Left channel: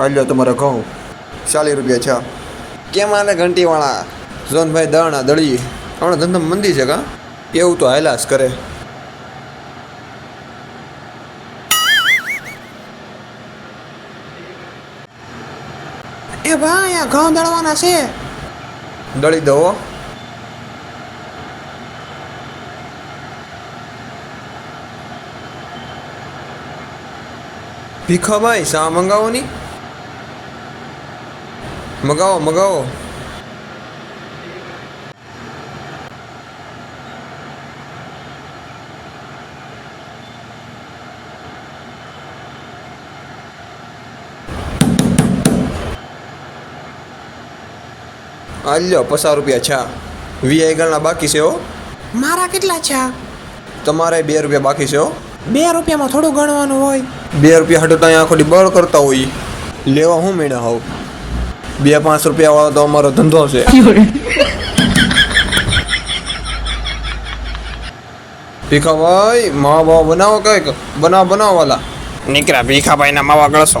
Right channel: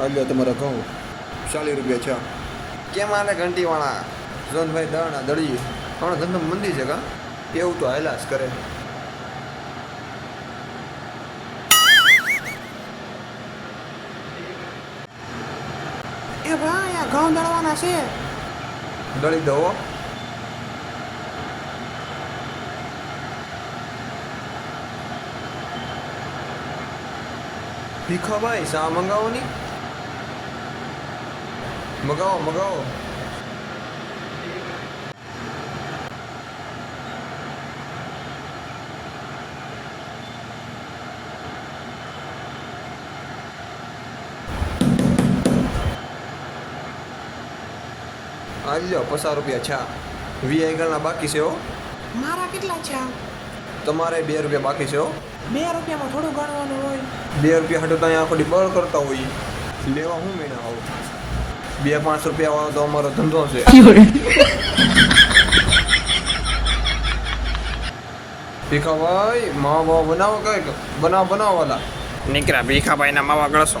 આલ્યો તમારા ઘઉં 40 રૂપિયા છે. કેમ આને ઘંટીવાળા? જોનભાઈ દાણા દળી હમણાં ધંધા મંદી છે કા એવું તો હાલાસ કરે. એ ભાઈ આ ઘઉં દળવાના છે. દળી દો હો. ભીખાભાઈ શા મંગાવો ની મગાવો મગાવો. આલ્યો 50 રૂપિયા છા. વીઆઈ ગણના બાકી છે હો. મારા કેટલા છે? તમારે 2 રૂપિયા બાકી છે હો. 2 રૂપિયામાં થોડું ગણવાનું હોય. 2 રૂપિયા હટો ત્યાં આખો દી બળ કરતા હોય લેવા હું મેળા હોવ. 2-5 રૂપિયા વાળો તો અમારો ધંધો છે. ભીખાભાઈ માવા બાવા બનાવો કઈક બનાવો વાલા. નીકળ્યા ભીખાભાઈના માવા ગળશો.